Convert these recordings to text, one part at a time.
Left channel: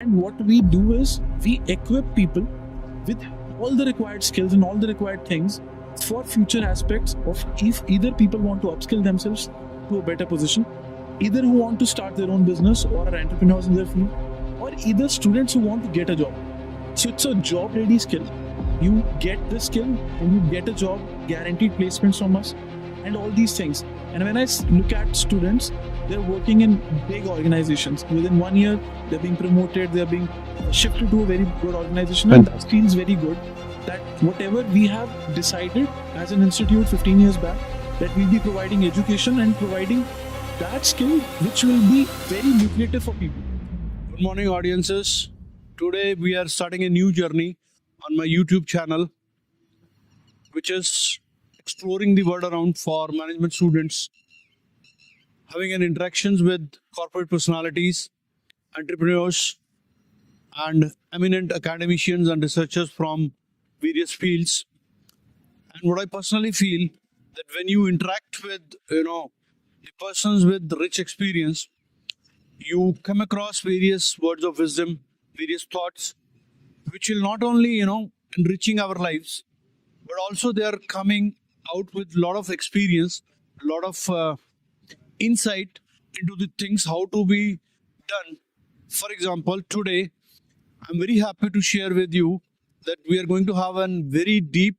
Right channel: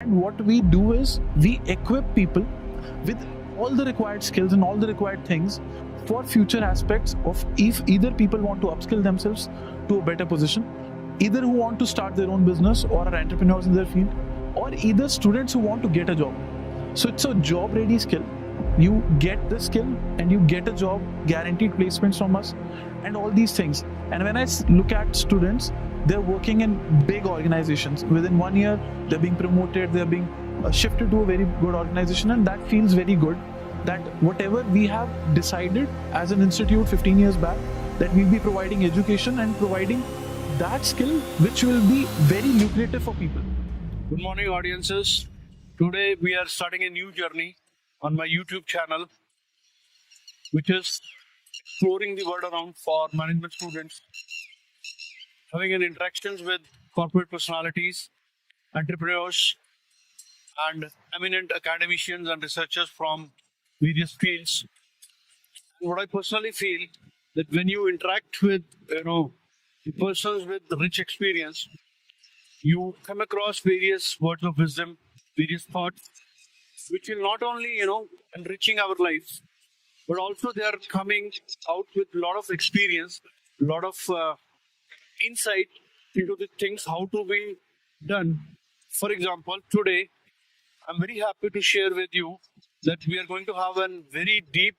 And what we do is we equip people with all the required skills and all the required things for future aspects of if either people want to upskill themselves to a better position, either who want to start their own business or are entrepreneurs in their field, or either students who want to get a job. So it's a job ready skill. You get the skill and you get a job, guaranteed placements from us, and all these things. And when I look at students, they're working in big organizations. Within 1 year, they're being promoted, they're being shifted to a very good organization, and that feels very good. That whatever we have decided as an institute 15 years back, that we'll be providing education and providing that skill which will be very lucrative for people. Good morning, audiences. Today we are starting a new journey on my YouTube channel, which is exploring the world around for management students, having an interactions with corporate personalities, entrepreneurs, and eminent academicians and researchers from various fields. And what I personally feel that when you interact with the persons with rich experience, you come across various words of wisdom, various thoughts, which will not only enriching our lives, but also they are coming out with a lot of experience, a lot of insight into the things how to be done. For example, today I'm very happy to share with you that we are going to have a very deep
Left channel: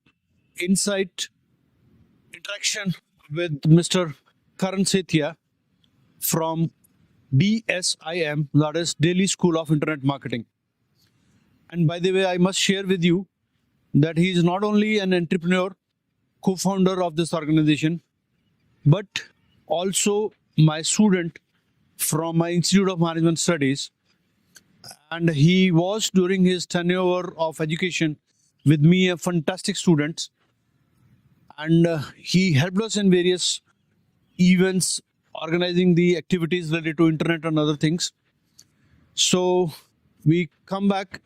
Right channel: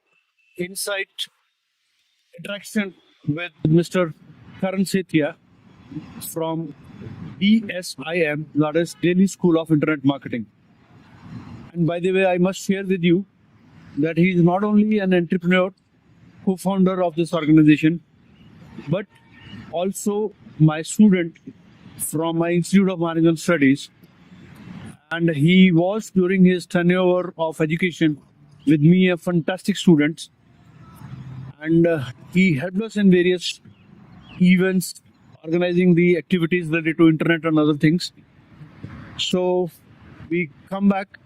insight interaction with Mr. Karan Setia from DSIM, that is Delhi School of Internet Marketing. And by the way, I must share with you that he is not only an entrepreneur, co-founder of this organization, but also my student from my Institute of Management Studies. And he was, during his tenure of education with me, a fantastic student. And he helped us in various events, organizing the activities related to internet and other things. So we come back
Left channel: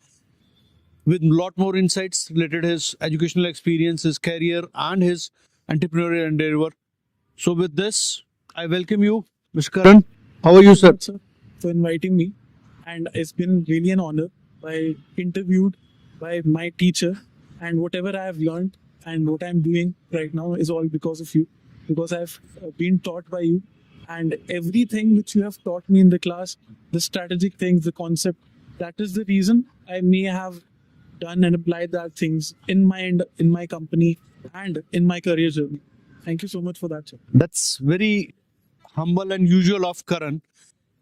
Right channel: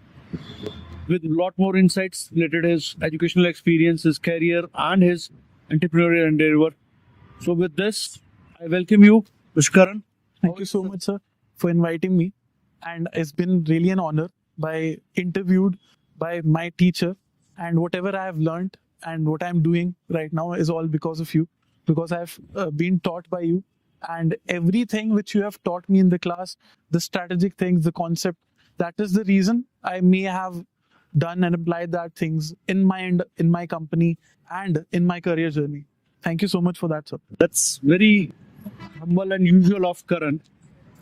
with a lot more insights related to his educational experience, his career, and his entrepreneurial endeavor. So with this, I welcome you, Mr. Karan. How are you, So sir? much, sir, for inviting me. And it's been really an honor by interviewed by my teacher, and whatever I have learned and what I'm doing right now is all because of you, because I've been taught by you, and everything which you have taught me in the class, the strategic things, the concept, that is the reason I may have done and applied that things in my company and in my career journey. Thank you so much for that, sir. That's very humble and usual of Karan.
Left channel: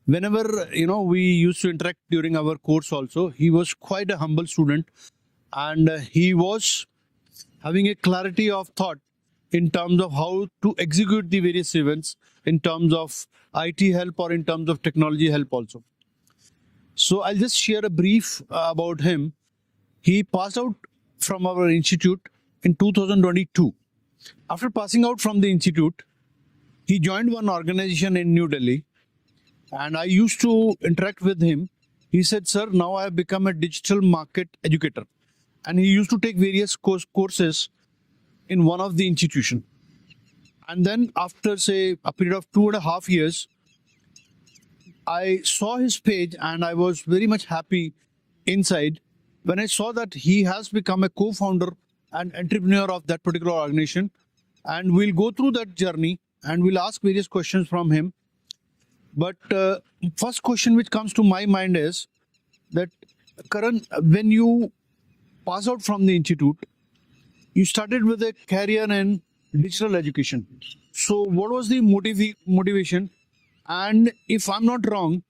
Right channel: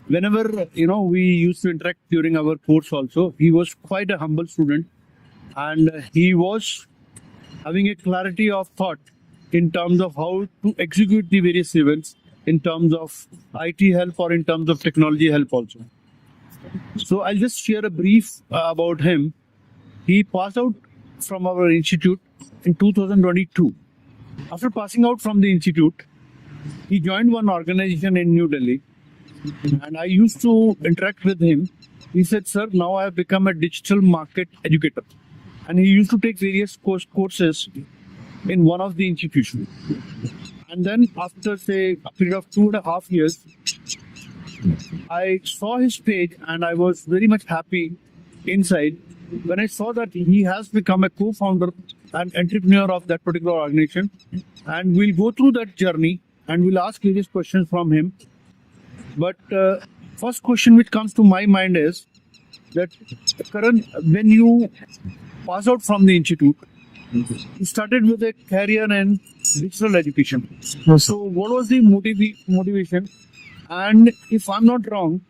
Whenever we used to interact during our course also, he was quite a humble student, and he was having a clarity of thought in terms of how to execute the various events in terms of IT help or in terms of technology help also. So I'll just share a brief about him. He passed out from our institute in 2022. After passing out from the institute, he joined one organization in New Delhi, and I used to interact with him. He said, "Sir, now I have become a digital market educator." And he used to take various courses in one of the institutions. And then after, say, a period of 2.5 years, I saw his page and I was very much happy inside when I saw that he has become a co-founder and entrepreneur of that particular organization. And we'll go through that journey and we'll ask various questions from him. But first question which comes to my mind is that, Karan, when you pass out from the institute, you started with a career in digital education. So what was the motivation? And if I'm not wrong,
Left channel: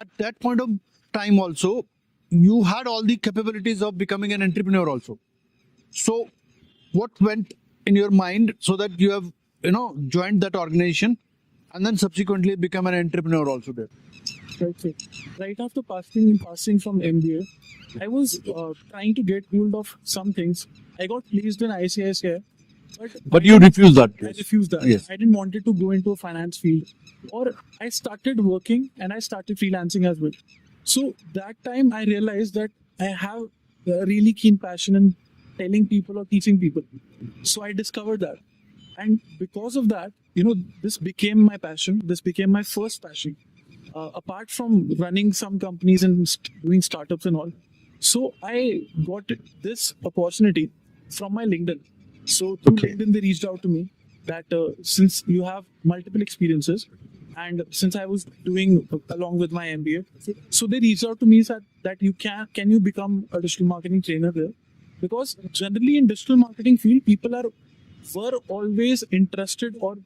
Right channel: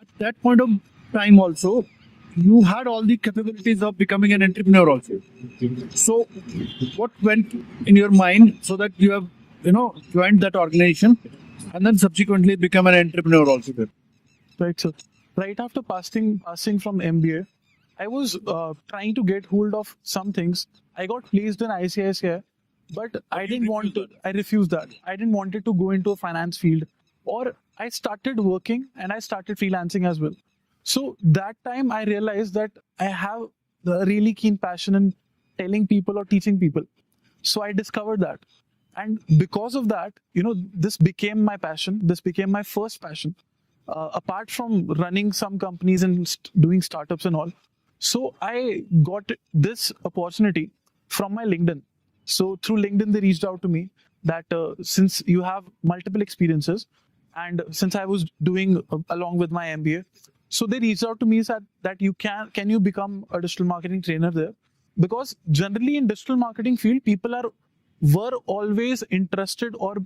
at that point of time also, you had all the capabilities of becoming an entrepreneur also. So what went in your mind so that you have joined that organization and then subsequently become an entrepreneur also there? Right, so right after passing from MBA, I was trying to get hold of some things. I got placed in ICICI, but I you didn't refused want- that. I refused that. Yes. I didn't want it to go into a finance field, or I started working and I started freelancing as well. So that time I realized that I have a really keen passion in telling people or teaching people. So I discovered that. And because of that, this became my passion. This became my first passion. apart from running some companies and doing startups and all. So I got this opportunity from my LinkedIn. So through LinkedIn, they reached out to me that since you have multiple experiences, and since I was doing along with my MBA, so they reached out to me said that you can you become a digital marketing trainer there, because generally in digital marketing field people were always interested or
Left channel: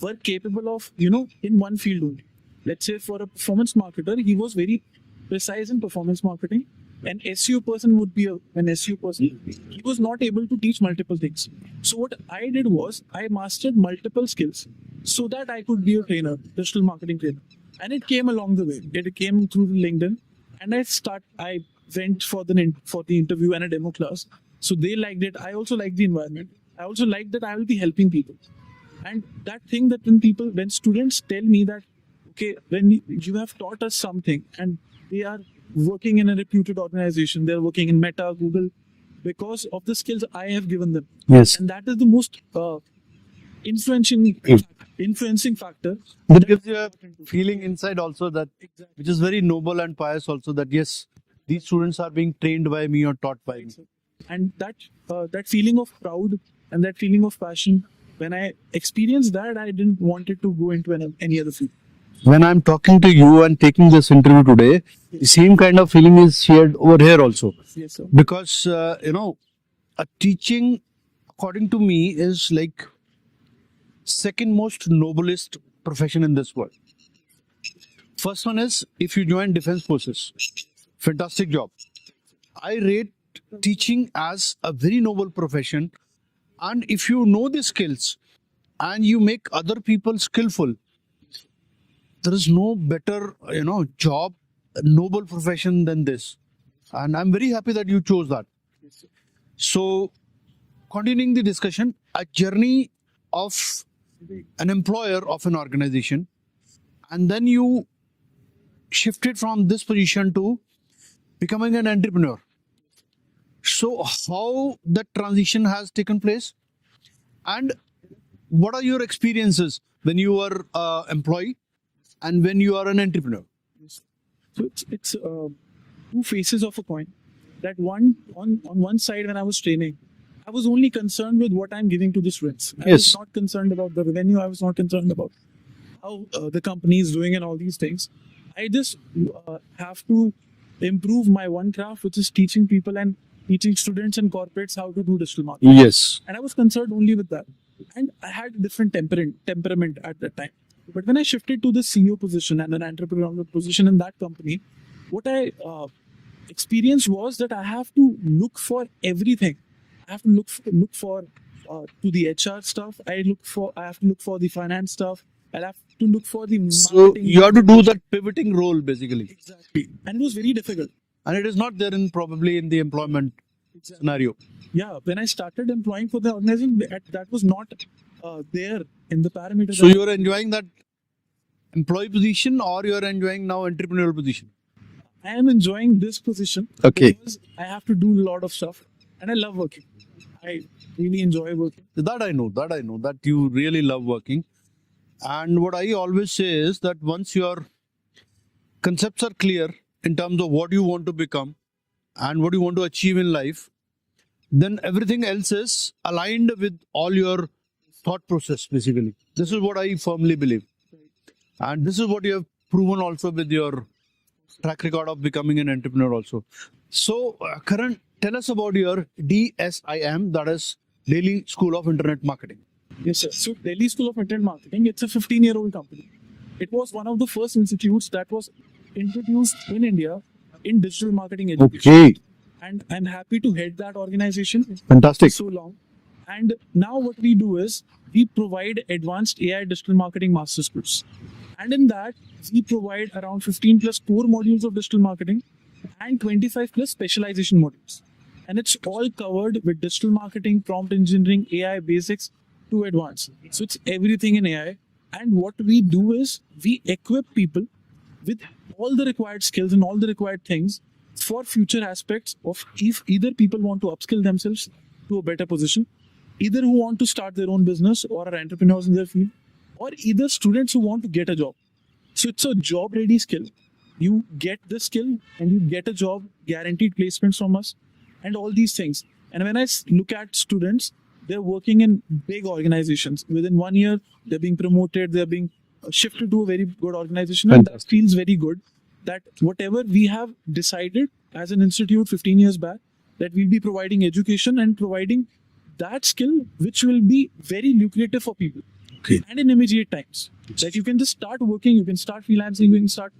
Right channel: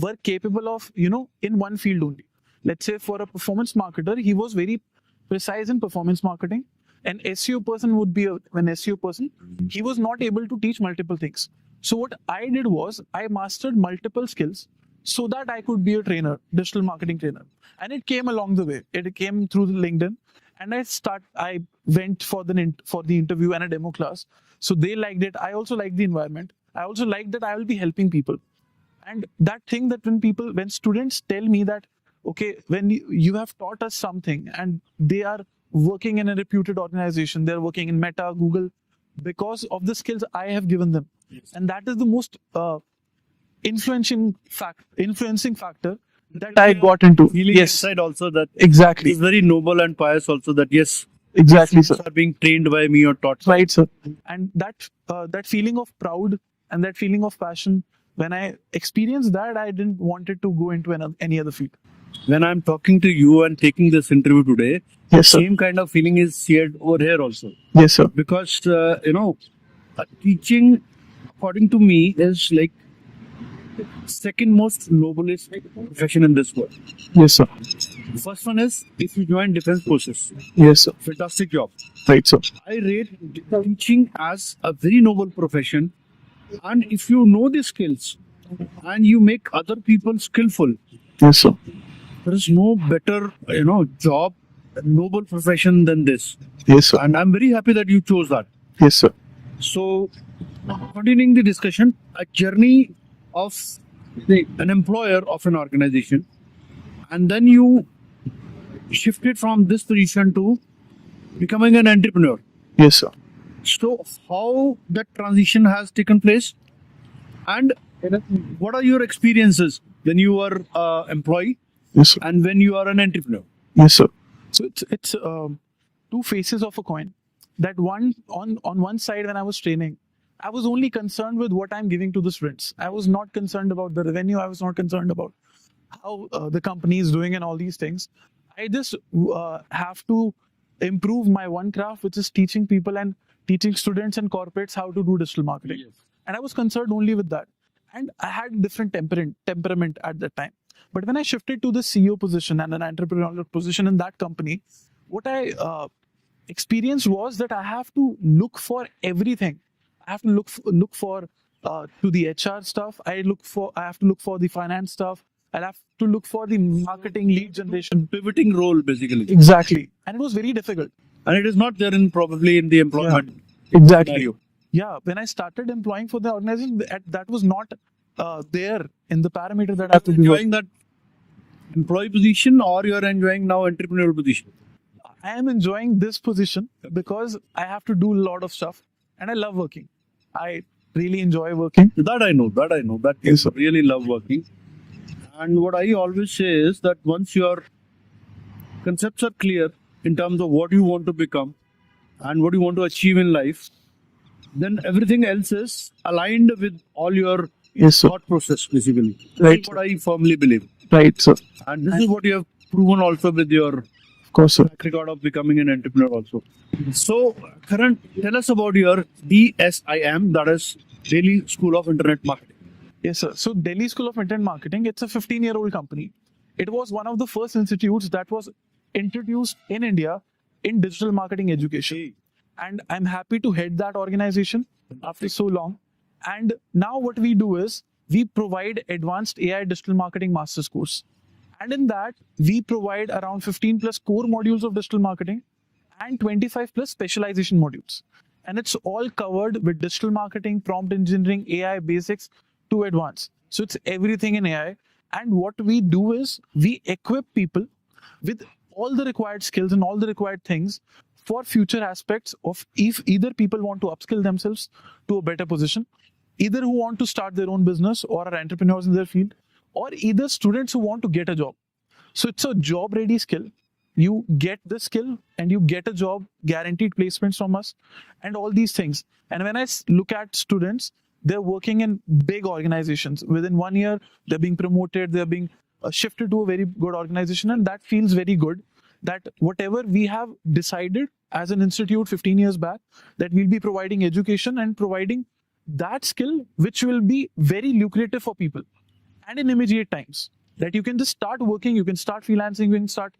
were capable of in one field only. Let's say for a performance marketer, he was very precise in performance marketing. An SEO person would be an SEO person. He was not able to teach multiple things. So what I did was I mastered multiple skills so that I could be a trainer, digital marketing trainer. And it came along the way. It came through the LinkedIn, and I went for the interview and a demo class. So they liked it. I also liked the environment. I also liked that I will be helping people. And that thing that when students tell me that, okay, when you have taught us something and they are working in a reputed organization, they're working in Meta, Google, because of the skills I have given them. Yes. And that is the most influencing factor That that gives I you a got into. feeling Yes, inside also that it exactly. is very noble and pious also that yes, Exactly, students sir. are being trained by me or taught. Right, sir. And that feeling of proud and that feeling of passion, when I experienced that, I didn't want it to go into any other field. When I'm talking to you and taking this interview today, the Yes, sir. same kind of feeling is shared over here also. Yes, sir. Because, teaching, according to me, is like second most noblest profession in this world. Yes, sir. First one is if you join defense forces, Yes, sir. fantastic job. Right, sir. I rate teaching as a very noble profession, and if you know the skills and you make other people skillful, Yes, sir. there is no better job, noble profession than this. Yes, sir. And I'm very happy that you chose that. Yes, sir. So, continuing the discussion, a journey of an employer of an organization, and then you shifted from this position to becoming an entrepreneur. Yes, sir. So, how that transition has taken place, and what are your experiences when you were employee Yes, sir. and when you are an entrepreneur? Yes, sir. So it's two faces of a coin. That one on one side, when I was training, I was only concerned with what I'm giving to the students. I was Yes. not concerned about the revenue. I was not concerned about how the company is doing and all these things. I just have to improve my one craft, which is teaching people and teaching students and corporates how to do digital marketing. Yes. And I was concerned only with that. And I had different temperament at that time. But when I shifted to the CEO position and an entrepreneurial position in that company, what I experienced was that I have to look for everything. I have to look for to the HR stuff. I have to look for the finance stuff. I'll have to look for the So marketing. you have to do that pivoting role basically, Exactly. And it was very difficult. and it is not there in probably in the employment Exactly. scenario. Yeah, when I started employing for the organization, that was not there in the parameters. So that I you have are to do. enjoying that employee position, or you are enjoying now entrepreneurial position? I am enjoying this position Okay. because I have to do a lot of stuff, and I love working. I really enjoy working. That I know. That you Yes, sir. really love working. And what I always say is that once your concepts are clear in terms of what you want to become and what you want to achieve in life, then everything else is aligned with all your Yes, sir. thought process basically. This Right. is what I firmly believe. Right, sir. And this is what you have proven also with your Of course, sir. track record of becoming an entrepreneur also. So, Karan, tell us about your DSIM, that is Delhi School of Internet Marketing. Yes, sir. So Delhi School of Internet Marketing, it's a 15-year-old company. It was one of the first institutes that was introduced in India in digital marketing education. And I'm happy to head that organization Fantastic. so long. And now what we do is we provide advanced AI digital marketing master's course. And in that, we provide around 15 plus core modules of digital marketing and 25 plus specialization modules. And it's all covered with digital marketing, prompt engineering, AI basics to advanced. So it's everything in AI. And what we do is we equip people with all the required skills and all the required things for future aspects of if either people want to upskill themselves to a better position, either who want to start their own business or are entrepreneurs in their field, or either students who want to get a job. So it's a job ready skill. You get the skill and you get a job, guaranteed placements from us, and all these things. And when I look at students, they're working in big organizations. Within 1 year, they're being promoted, they're being shifted to a very good organization, and that feels very good. That whatever we have decided as an institute 15 years back, that we'll be providing education and providing that skill which will be very lucrative for people. Okay. And in immediate times, that you can just start working, you can start freelancing, you can start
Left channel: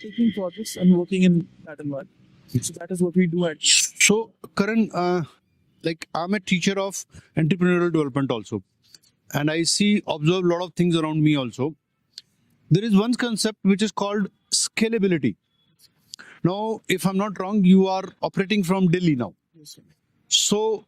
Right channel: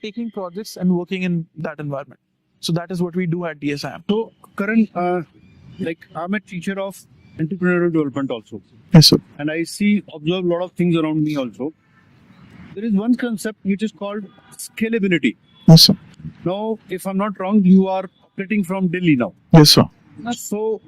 taking projects and working in that environment. So that is what we do at DSIM. So, Karan, like I'm a teacher of entrepreneurial development also, Yes, sir. and I observe a lot of things around me also. There is one concept which is called scalability. Yes, sir. Now, if I'm not wrong, you are operating from Delhi now. Yes, sir. So,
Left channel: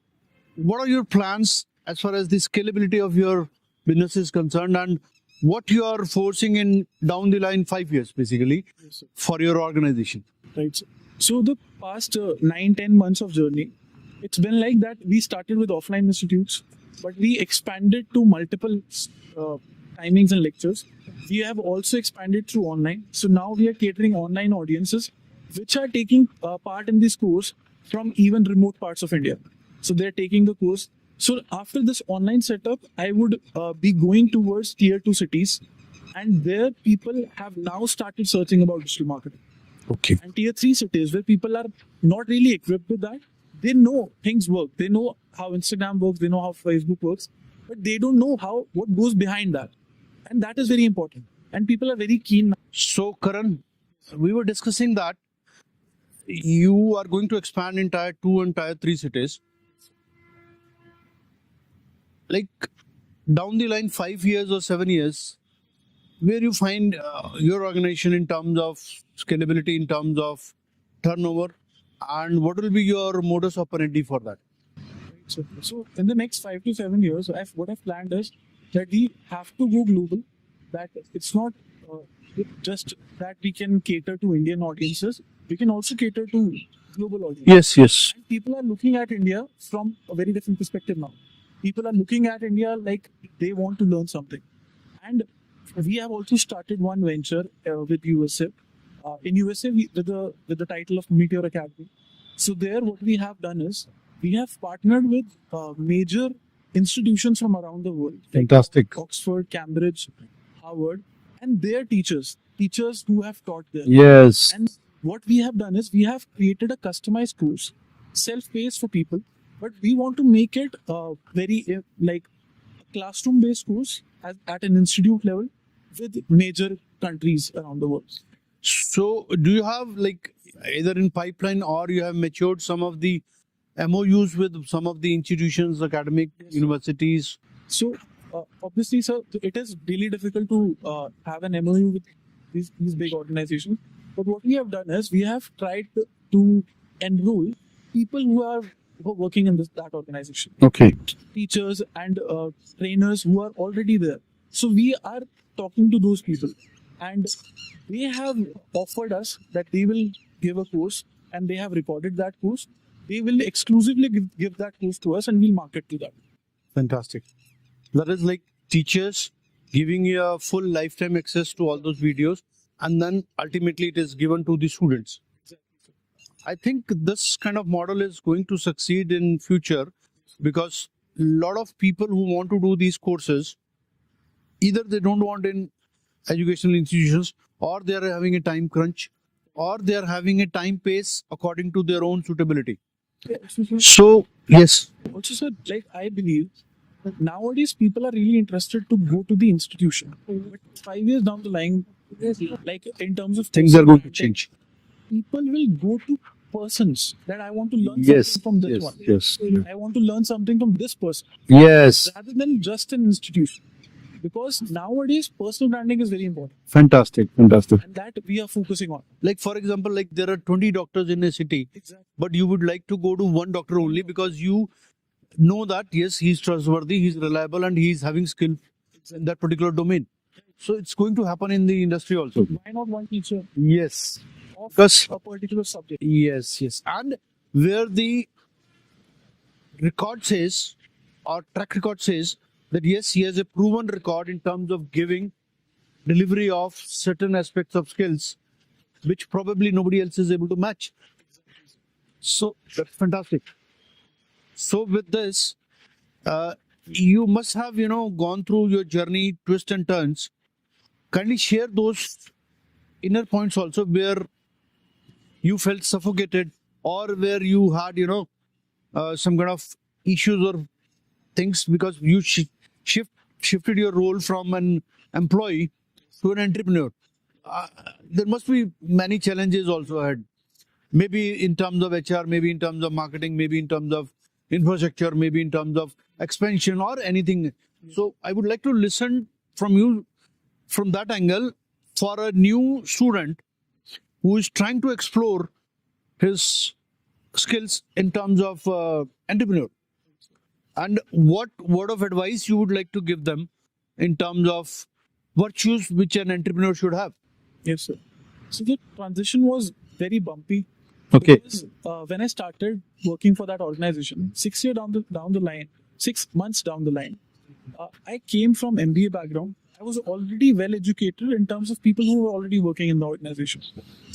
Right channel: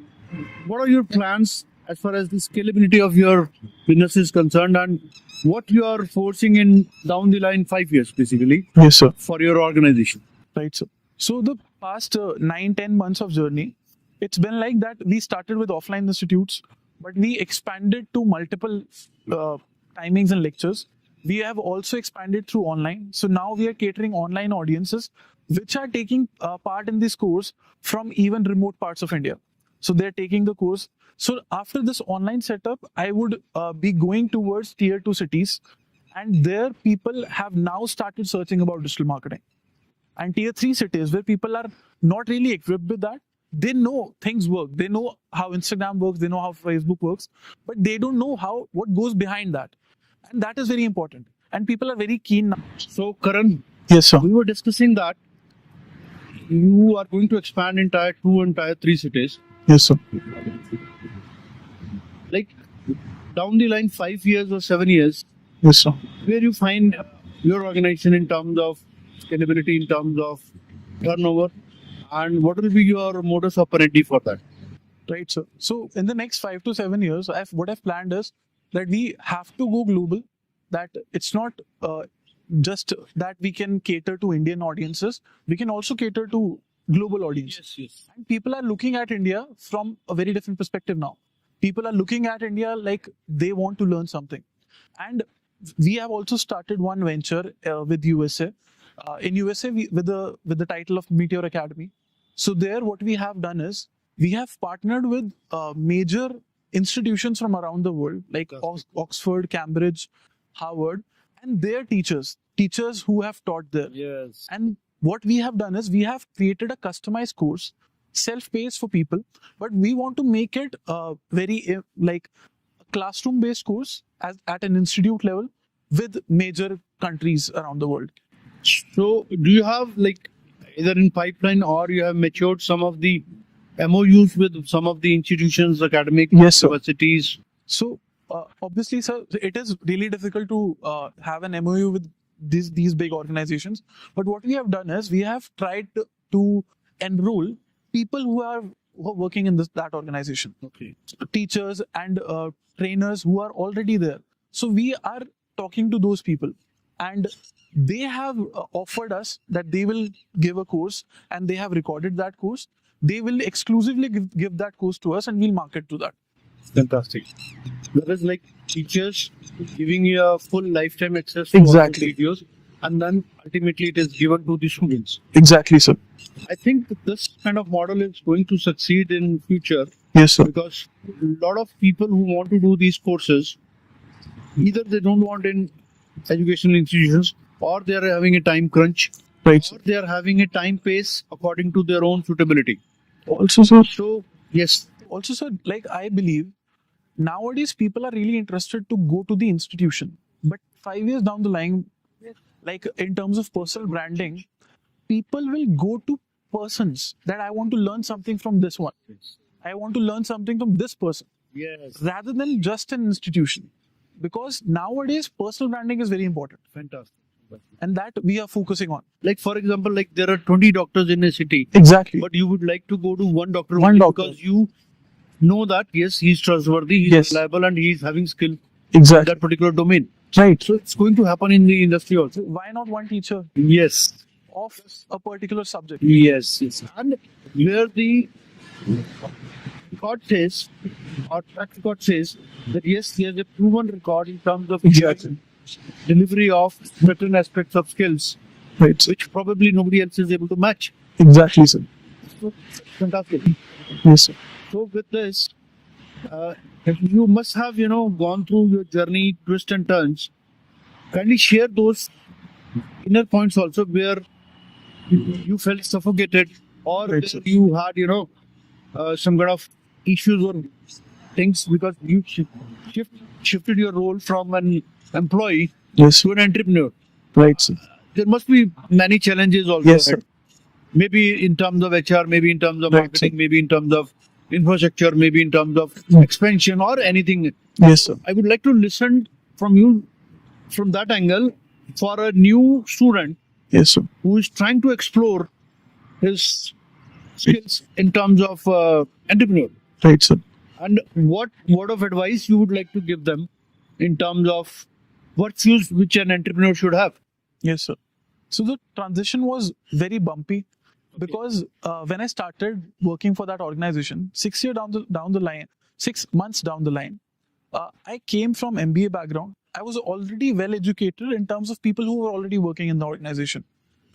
what are your plans as far as the scalability of your business is concerned, and what you are forcing in down the line 5 years, basically, Yes, sir. for your organization? Right, sir. So the past 9-10 months of journey, it's been like that. We started with offline institutes, but we expanded to multiple timings and lectures. We have also expanded through online. So now we are catering online audiences which are taking part in this course from even remote parts of India. So they're taking the course. So after this online setup, I would be going towards tier 2 cities, and there people have now started searching about digital marketing. Okay. And tier 3 cities where people are not really equipped with that, they know things work, they know how Instagram works, they know how Facebook works, but they don't know what goes behind that, and that is very important, and people are very keen now. So, Karan, Yes, sir. we were discussing that you are going to expand in tier 2 and tier 3 cities. Yes, sir. Like down the line, 5 years or 7 years, Yes, sir. where you find your organization in terms of scalability, in terms of turnover, and what will be your modus operandi for that? Right, sir. So in the next 5 to 7 years, what I've planned is that we have to go global. That it's not just that we can cater to Indian audiences, we can also cater to global audiences. Yes. People are looking at India from a very different perspective now. People are looking at India like they want to learn something. And we have also started one venture with USA. In USA, with the title of Meteor Academy. So there, what we have done is we have partnered with major institutions from around the world, like Fantastic. Oxford, Cambridge, Harvard, and their teachers who have taught there. Yes. And what we have done is we have created a customized course, self-paced for people, but we want to make it very like classroom-based course at an institute level with major countries around the world. So, do you have like either in pipeline or you have matured some of the MOUs with some of the institutions, academic Yes, sir. universities? So obviously, sir, it is really difficult to have an MOU with these big organizations. But what we have done is we have tried to enroll people who are working in that organization, Okay. teachers and trainers who are already there. So we are talking to those people, and they have offered us that they will give a course, and they have recorded that course. They will exclusively give that course to us, and we'll market to that. Fantastic. That is like teachers giving you a full lifetime access to all Exactly. those videos, and then ultimately it is given to the students. Exactly, sir. I think this kind of model is going to succeed in future Yes, sir. because a lot of people who want to do these courses, either they don't want in educational institutions, or they are having a time crunch, Right. or they are having a time pace according to their own suitability. Also, sir. So, yes. Also, sir, like I believe nowadays people are really interested to go to the institution, but 5 years down the line, like in terms of Things are personal going to branding, change. people will go to persons that I want to learn Yes, something from this yes, one. yes. I want to learn something from this person Yes. rather than just an institution. Because nowadays personal branding is very important, Fantastic. Fantastic. and that we are focusing on. Like, for example, like there are 20 doctors in a city, Exactly. but you would like to go to one doctor One only doctor. because you know that, yes, he's trustworthy, he's Yes. reliable, and he's having skill in Exactly. that particular domain. Right. So, it's going to happen in the industry also. Why not one teacher Yes. of Because- a particular subject? Yes, yes. And where the record says, or track record says, that yes, he has a proven record in terms of Exactly. giving delivery of certain aspects of skills Right, sir. which probably nobody else is able to match. Exactly, sir. So that's fantastic. Yes, sir. So with this, you must have gone through your journey, twists and turns. Kindly share those inner points also where you felt suffocated or Right, where sir. you had some kind of issues or things because you shifted your role from an employee Yes, sir. to an entrepreneur. Right, sir. There must be many challenges also Yes, ahead. sir. Maybe in terms of HR, maybe in terms of Right, marketing, sir. maybe in terms of infrastructure, maybe in terms of expansion or anything. Yes, So sir. I would like to listen from you from that angle for a new student Yes, sir. who is trying to explore his skills in terms of entrepreneur. Right, sir. And what word of advice you would like to give them in terms of virtues which an entrepreneur should have? Yes, sir. So the transition was very bumpy Okay. because when I started working for that organization, 6 years down the line, 6 months down the line, I came from MBA background. I was already well educated in terms of people who were already working in the organization.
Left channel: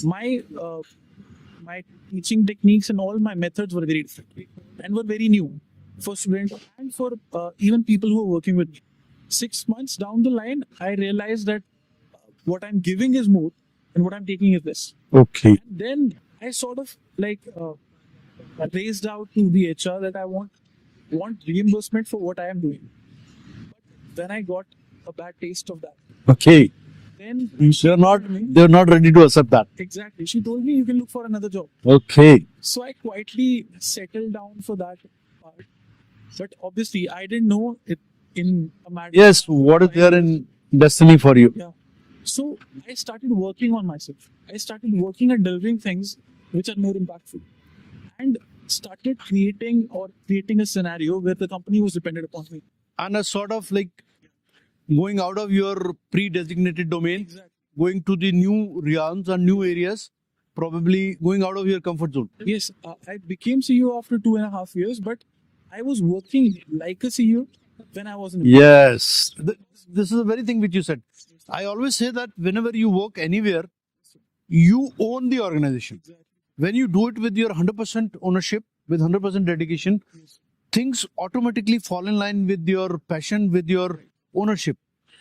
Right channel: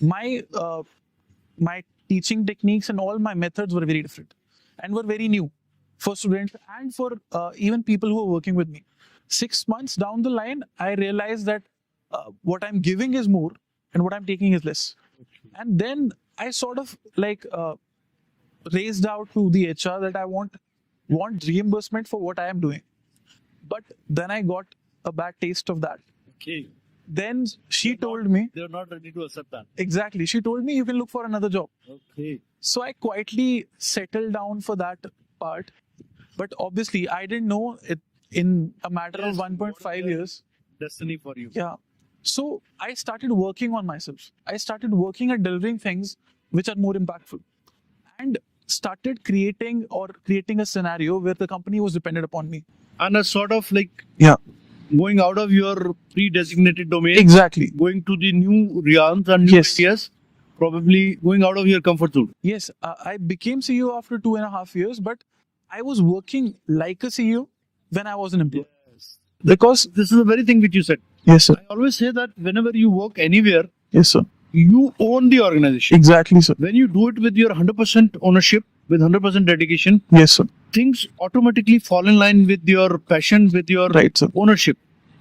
My teaching techniques and all my methods were very different and were very new for students and for even people who are working with me. 6 months down the line, I realized that what I'm giving is more and what I'm taking is less. Okay. And then I sort of raised out to the HR that I want reimbursement for what I am doing. But then I got a bad taste of that. Okay. Then she told me, They're not ready to accept that. exactly, she told me you can look for another job. Okay. So I quietly settled down for that part. But obviously, I didn't know it in a matter Yes, of what is 1.5 there years. in destiny for you? Yeah. So I started working on myself. I started working at delivering things which are more impactful and started creating a scenario where the company was dependent upon me. And a sort of like Yeah. going out of your pre-designated domain, Exactly. going to the new realms and new Yes. areas, probably going out of your comfort zone. Yes, I became CEO after 2.5 years, but I was working like a CEO when I was an employee. Yes. Because This is the very thing which you said. yes, sir. I always say that whenever you work anywhere, Yes, sir. you own the organization. Exactly, sir. When you do it with your 100% ownership, with 100% dedication, Yes, sir. things automatically fall in line with your passion, with your Right, sir. ownership.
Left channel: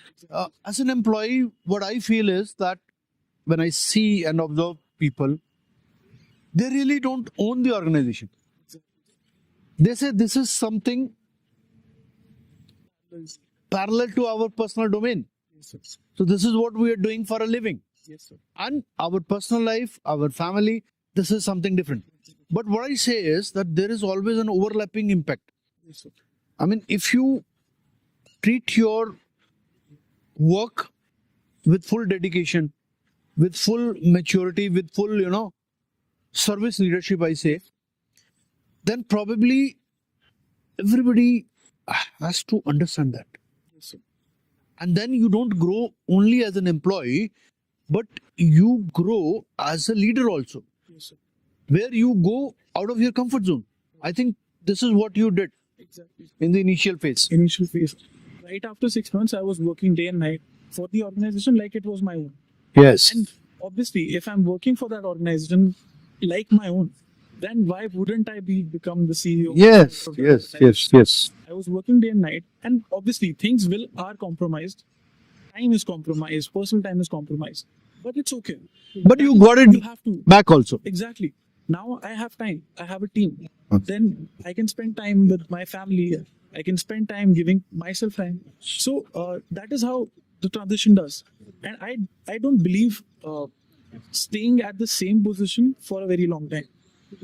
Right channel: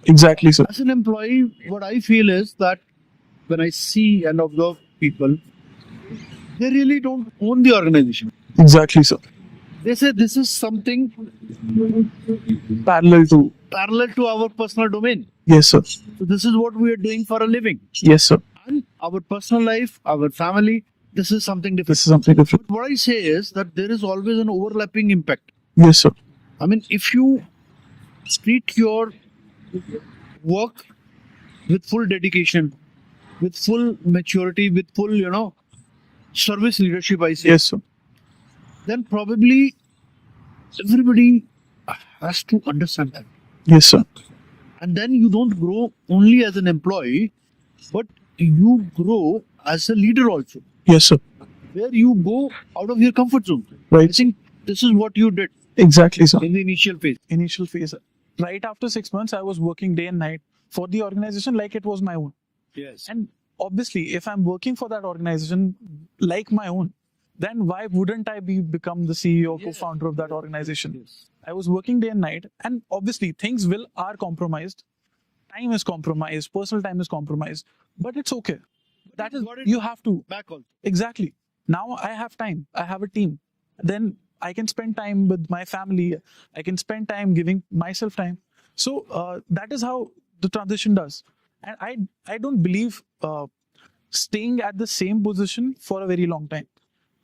Exactly, sir. As an employee, what I feel is that when I see and observe people, they really don't own the organization. Exactly, sir. They say this is something Parallel to parallel to our personal domain. yes, sir. So this is what we are doing for a living. Yes, sir. And our personal life, our family, this is something different. This is something different. But what I say is that there is always an overlapping impact. Yes, sir. I mean, if you treat your work with full dedication, with full maturity, with full, service leadership, I say, Yes, sir. then probably everybody has to understand that. Yes, sir. And then you don't grow only as an employee, but you grow as a leader also, Yes, sir. where you go out of your comfort zone. Right. I think this is what you did Exactly, sir. in the initial phase. Initial phase. Right after 6 months, I was working day and night for the organization like it was my own. Yes. And obviously, if I'm working for that organization like my own, then why wouldn't I become the CEO, the founder of that organization? yes. I was working day and night, and obviously things are compromised. Time is compromised, personal time is compromised, but it's okay. But That you is- got it You have to. back also. Exactly. Now I have time. I have a team. Then I can spend time with my family. I can spend time giving myself time. So that is how the transition does. And I don't believe staying at the same position for a very long time.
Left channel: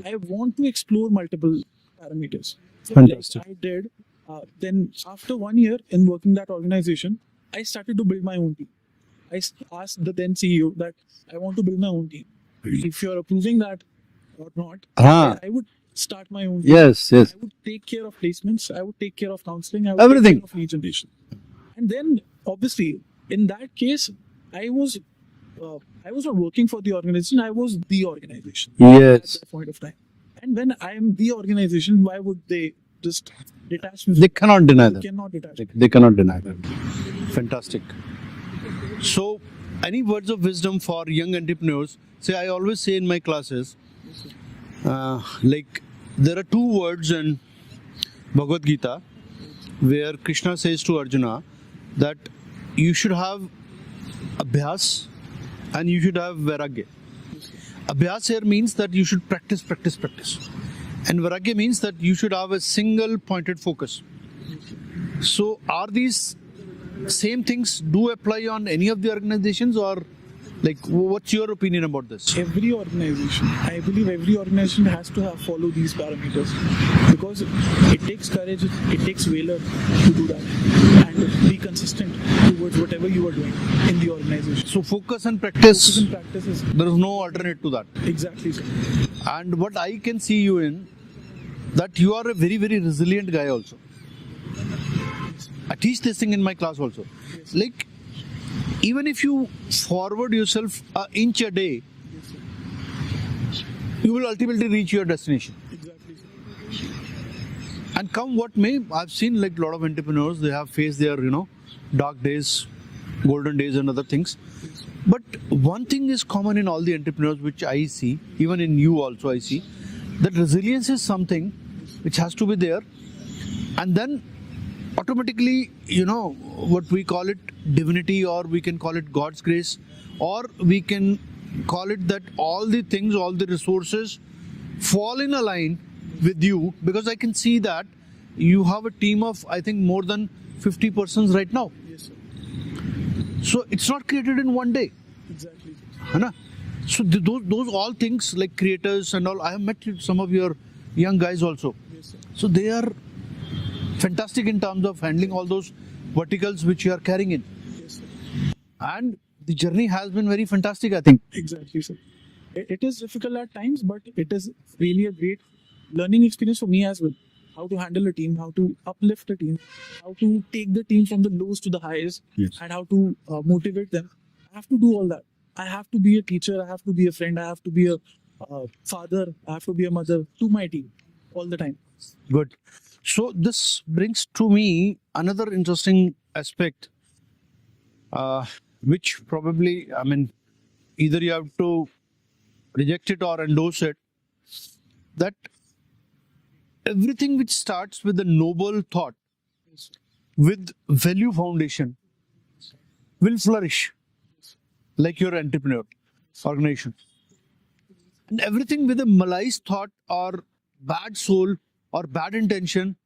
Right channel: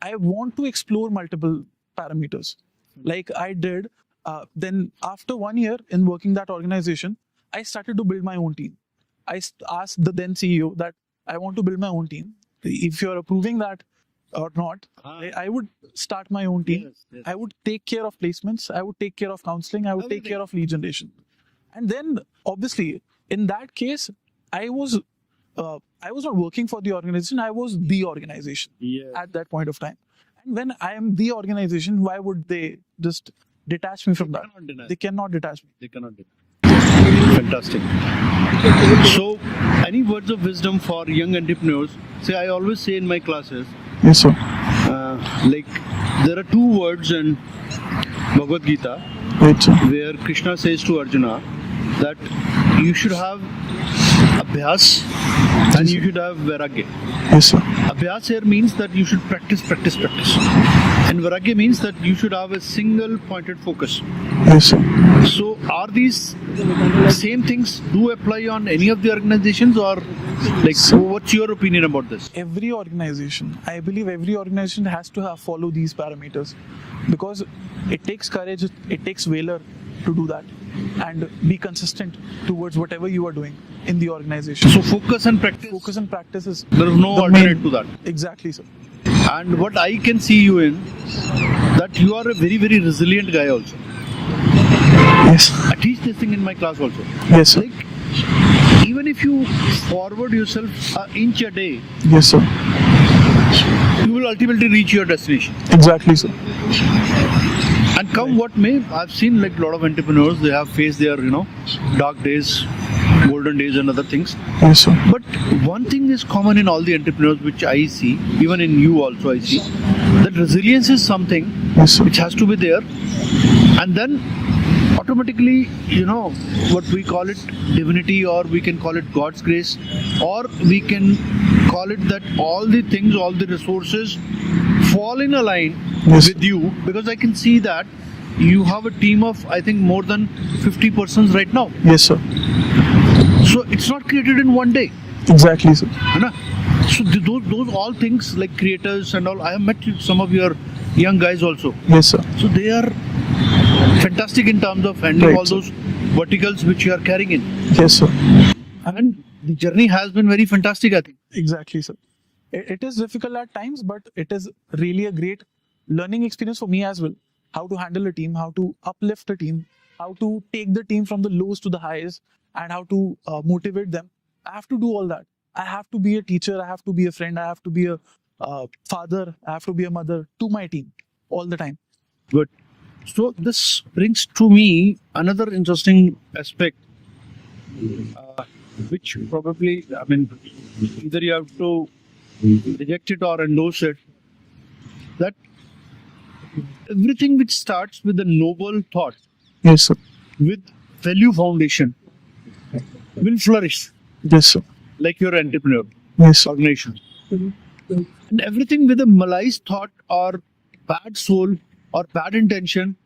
I want to explore multiple parameters. Fantastic. Like I did. Then after 1 year in working that organization, I started to build my own team. I asked the then CEO that I want to build my own team. If you're approving that or not, I would start my own team. Yes. I would take care of placements. I would take care of counseling. I would Everything. take care of lead generation. And then, obviously, in that case, I was not working for the organization. I was the organization at Yes. that point of time. And when I am the organization, why would they just detach me from They that? cannot deny They that. cannot detach me. They cannot deny that. Fantastic. So, any words of wisdom for young entrepreneurs? Say, I always say in my classes, Yes, sir. like there are two words in Bhagavad Gita Right, sir. where Krishna says to Arjuna that you should have abhyas and you should have vairagya. Yes, sir. Abhyas here means that you should practice. And vairagya means that you should have a single pointed focus. Yes, sir. So are these same things do apply on any of the organizations, or like what's your opinion about this? Every organization, I believe every organization has to follow these parameters, because it takes courage, it takes valor to do that and be consistent towards whatever you are doing in the organization. So focus and practice. Focus and practice is There is no the alternate main- to that. Exactly, sir. And what I can see you in, that you are a very, very resilient guy also. Yes. I teach this thing in my class also. Yes, sir. Like, even if you forward yourself an inch a day, Yes, sir. you will ultimately reach your destination. Exactly, sir. And come what may, I've seen like a lot of entrepreneurs, they have faced their, dark days, golden days and other things. Yes, sir. But one thing is common in all the entrepreneurs which I see, even in you also I see, that resilience is something Yes, sir. which has to be there. And then automatically, what we call it divinity, or we can call it God's grace, or we can call it that all the things, all the resources fall in a line Yes. with you, because I can see that you have a team of, I think, more than 50 persons right now. Yes, sir. So it's not created in one day. Exactly, sir. है ना? So those all things like creators and all, I have met some of your young guys also. Yes, sir. So they are fantastic in terms of handling Right, all those verticals which you are carrying in. Yes, sir. And the journey has been very fantastic, I think. Exactly, sir. It is difficult at times, but it is really a great learning experience for me as well. How to handle a team, how to uplift a team, how to take the team from the lows to the highs, Yes. and how to motivate them. I have to do all that. I have to be a teacher, I have to be a friend, I have to be a father, I have to be a mother to my team all the time. Good. So this brings to me another interesting aspect, which probably, either you have to reject it or endorse it, that everything which starts with a noble thought, Yes, sir. with value foundation, will flourish, Yes, sir. like your entrepreneur Yes, sir. organization. And everything with a malice thought or bad soul or bad intention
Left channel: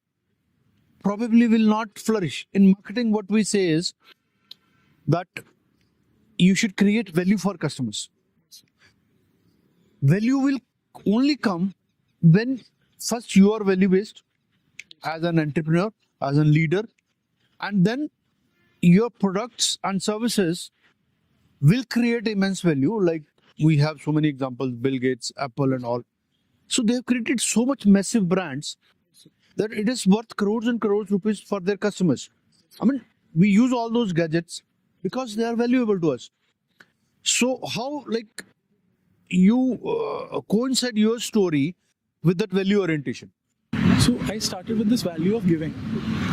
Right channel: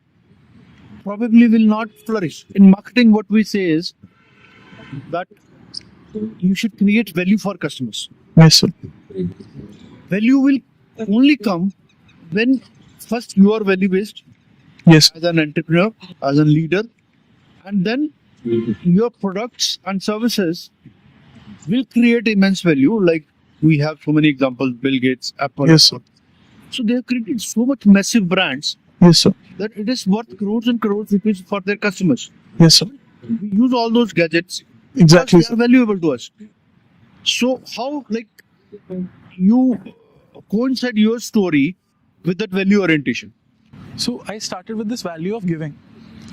probably will not flourish. In marketing, what we say is that you should create value for customers. Yes, sir. Value will only come when first you are value based Yes. as an entrepreneur, as a leader, and then your products and services will create immense value. Like we have so many examples, Bill Gates, Apple, Yes, and all. So they have created so much massive brands Yes, sir. that it is worth crores and crores rupees for their customers. Yes, sir. We use all those gadgets Exactly, because they are valuable to us. So how you coincide your story with that value orientation? So I started with this value of giving.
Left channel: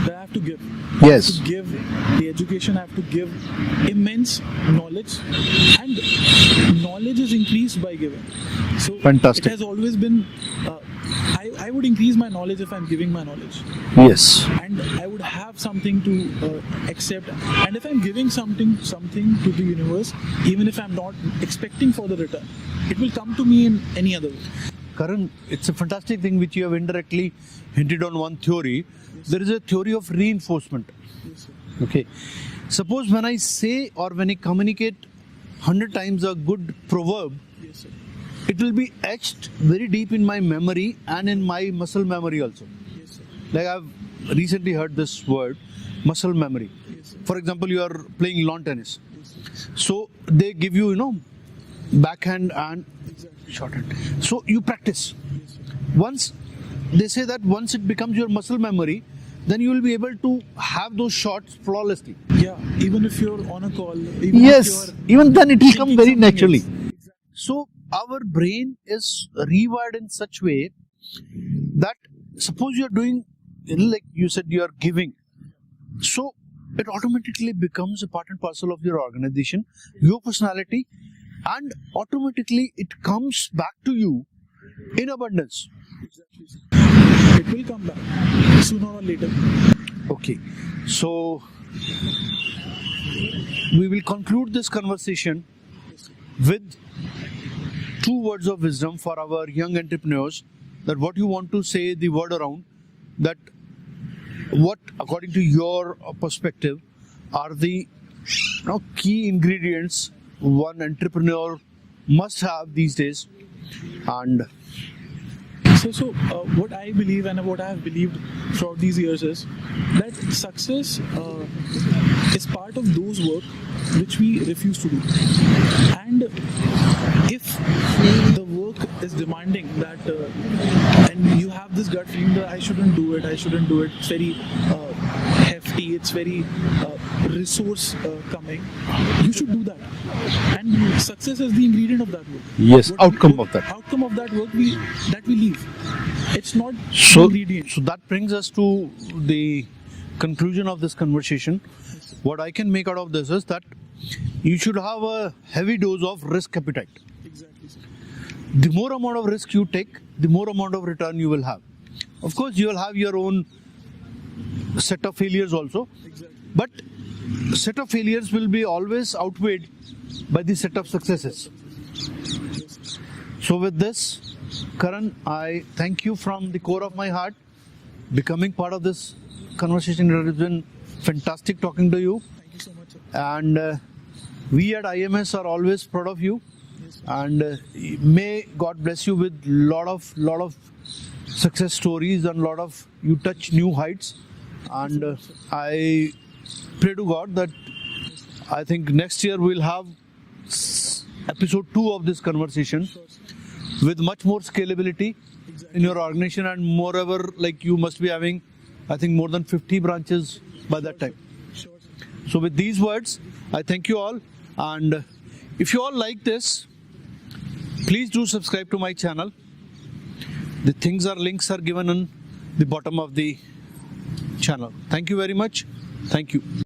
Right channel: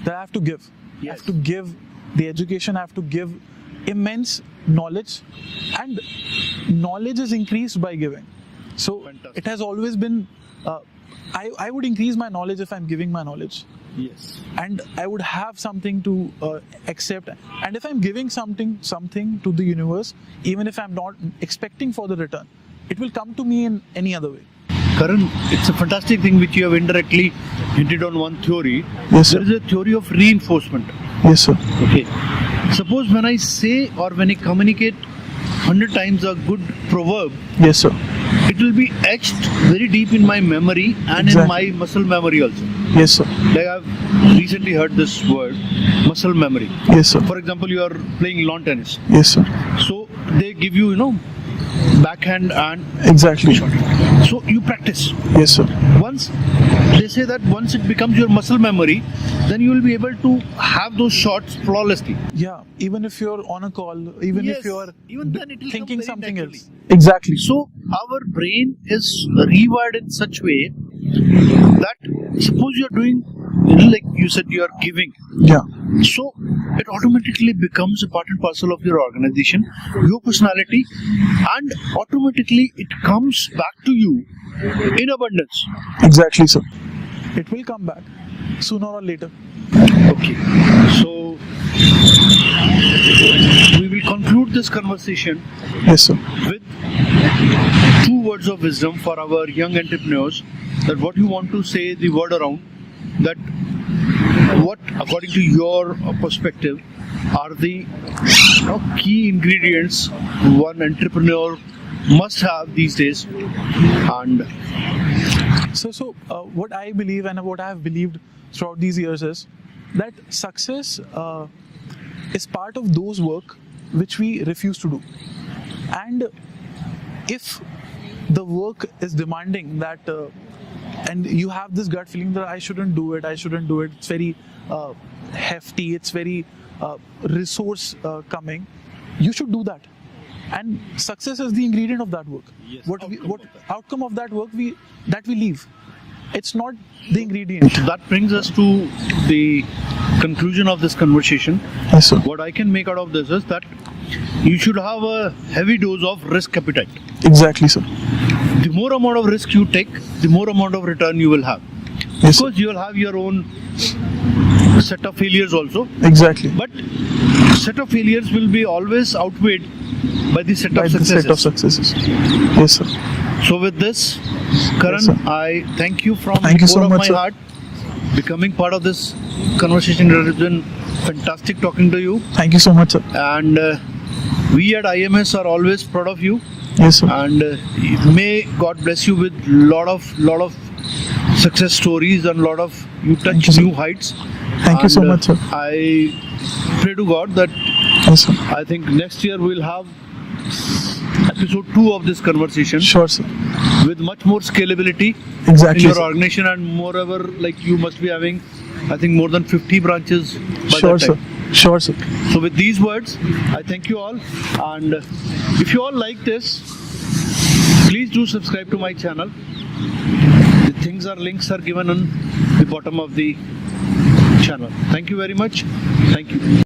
That I have to give. Yes. To give the education, I have to give immense knowledge, and knowledge is increased by giving. So Fantastic. it has always been. I would increase my knowledge if I'm giving my knowledge, Yes. and I would have something to accept. And if I'm giving something to the universe, even if I'm not expecting for the return, it will come to me in any other way. Karan, it's a fantastic thing which you have indirectly hinted on one theory. Yes, sir. There is a theory of reinforcement. Yes, sir. Okay. Suppose when I say or when I communicate 100 times a good proverb, Yes, sir. it will be etched very deep in my memory and in Exactly. my muscle memory also. Yes, sir. Like I've recently heard this word, muscle memory. Yes, sir. For example, you are playing lawn tennis. Yes, sir. So they give you, backhand and Exactly. so you practice. Yes, sir. Once they say that once it becomes your muscle memory, then you will be able to have those shots flawlessly. Yeah. Even if you're on a call, even if you're even then it will come thinking very something naturally. else. Exactly. So our brain is rewired in such way that suppose you are doing, like you said, you are giving. Yeah. So it automatically becomes a part and parcel of your organization, your personality, and automatically it comes back to you in abundance. Exactly, sir. It will come back sooner or later. Okay, so we will conclude this conversation Yes, sir. with 2 words of wisdom for our young entrepreneurs. That what you want to say, the word around, that what according to your perspective are the key ingredients one entrepreneur must have these days. And So what I believe and what I have believed throughout these years is that success is part of those work which we refuse to do. And if the work is demanding that, and you have this gut feeling that I shouldn't do it, it's very hefty, it's very resource coming, you should do that. And success is the ingredient of that work. Yes, outcome of that. Outcome of that work that we leave. It's not so ingredient. that brings us to the conclusion of this conversation. Yes, sir. What I can make out of this is that you should have a heavy dose of risk appetite. Exactly, sir. The more amount of risk you take, the more amount of return you will have. Yes, Because you will have your own set of failures also. exactly. But set of failures will be always outweighed by the set By of the successes. set of successes. Yes, sir. So with this, Karan, Yes, sir. I thank you from Thank the you so core of much, my sir. heart. Becoming part of this conversation has been fantastic talking to you. Thank you so much, sir. And we at IMS are always proud of you. Yes, sir. And may God bless you with lot of success stories and lot of you touch Thank you, sir. new heights. Thank you so And, much, sir. I pray to God that Yes, sir. I think next year we'll have episode 2 of this conversation Sure, sir. with much more scalability Exactly, in your sir. organization, and moreover, like you must be having, I think, more than 50 branches by Sure, that sir. time. Sure, sir. So with these words, I thank you all, and if you all like this, please do subscribe to my channel. The links are given on the bottom of the channel. Thank you very much. Thank you.